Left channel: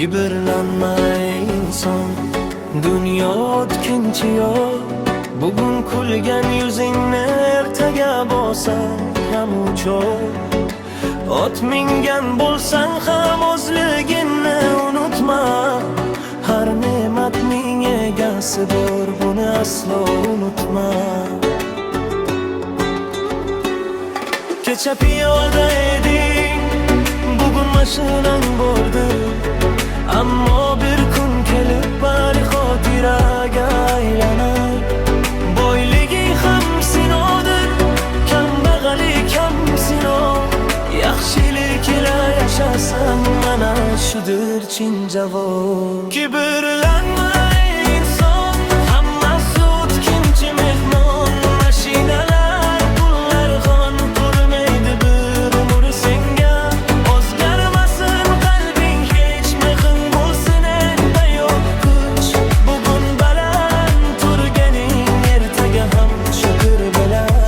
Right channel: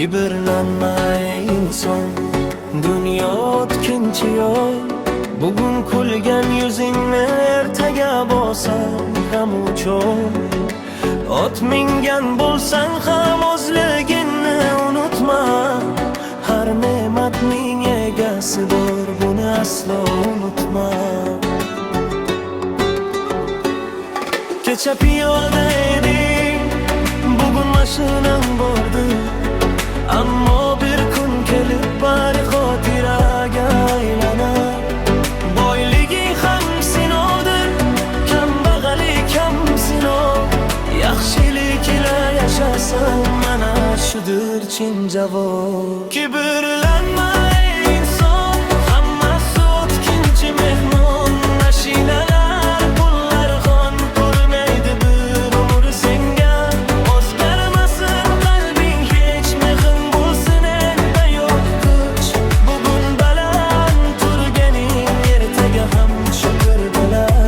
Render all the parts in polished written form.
Kibrlanma ey inson, dunyo o'tkinchi yo'l. Bugun kulgan yuzingni ertaga bosar g'am-u cho'l. Ot mingan bo'lsang ham o'zligingni unutma. Har ne'matning egasi bor, buni aslo unutma. Kecha piyoda eding, bugun mashinang bordir. Ammo bir kun kelib bari xotiraga aylanar. Boyligi ham sinovdir, kambag'allik ham sinov. Yaxshilik ila yashasang mana shudir chin javob. Kibrlanma ey inson, hammasi o'tkinchi mehmon. Mashinalar, pullar xon ko'rmaydi bir umr senga. O'zgarmasin qalbing, hech mehring bo'lsin endi yo'q kuch. Bugun baland turganing ertaga ham shukr bilan.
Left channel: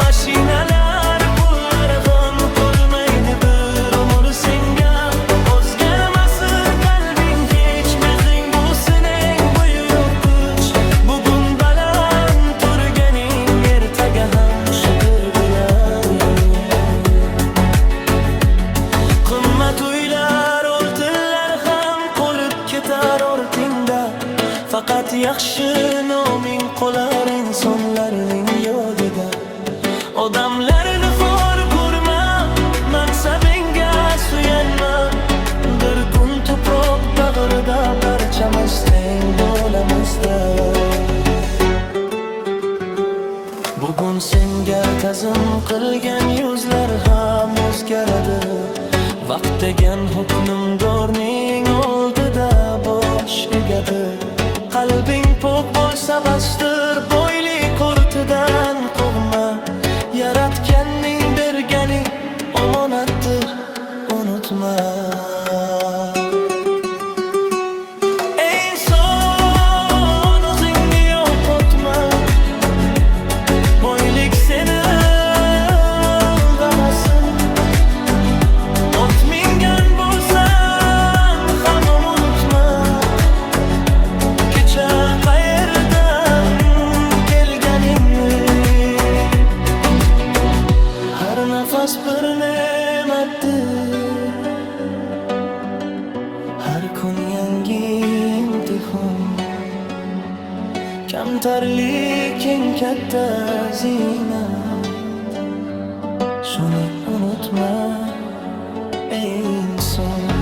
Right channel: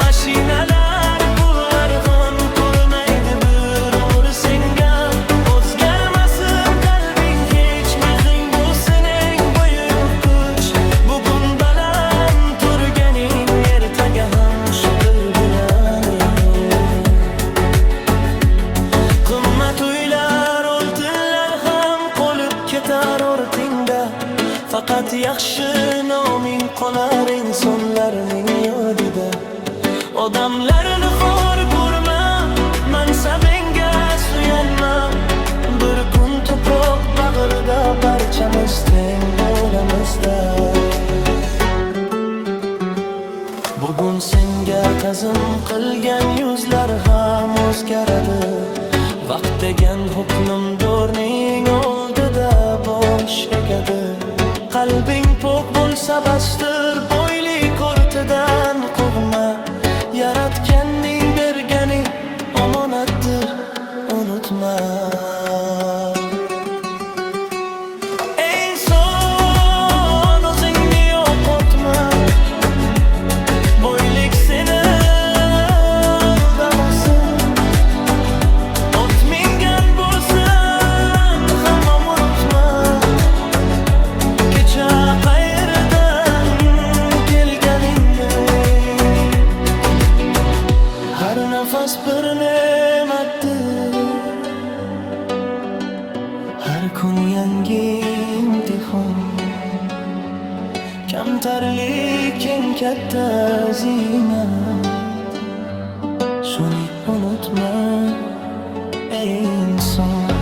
Mashinalar, pullar xon ko'rmaydi bir umr senga. O'zgarmasin qalbing, hech mehring bo'lsin eng buyuk kuch. Bugun baland turganing ertaga ham shukr bilan. Qimmat uylar, oltinlar ham qolib ketar ortingda. Faqat yaxshi noming qolar insonlarning yodida. Odamlarni xor ko'rma, mansabingga suyanma. Bir kun tuproq bag'rida barchamiz teng bo'lamizda. Bugun senga ta'zim qilgan yuzlar ham o'zgaradi. Vaqt degan hukmdorning oldida bosh egadi. Qalbing pok bo'lsa bastir, boylik ortidan qo'rqma. Yaratganning bergani omonatdir, unutma. Ey inson, o'zingni yo'qotma. Boylik seni aldamasin. Ot mingan bo'lsan ham unutma. Kecha qayerdan kelganingni. Har nafas bir ne'matdir, har kun yangi imtihon. Kamtarlik eng katta ziynat, shuni unutma ey inson.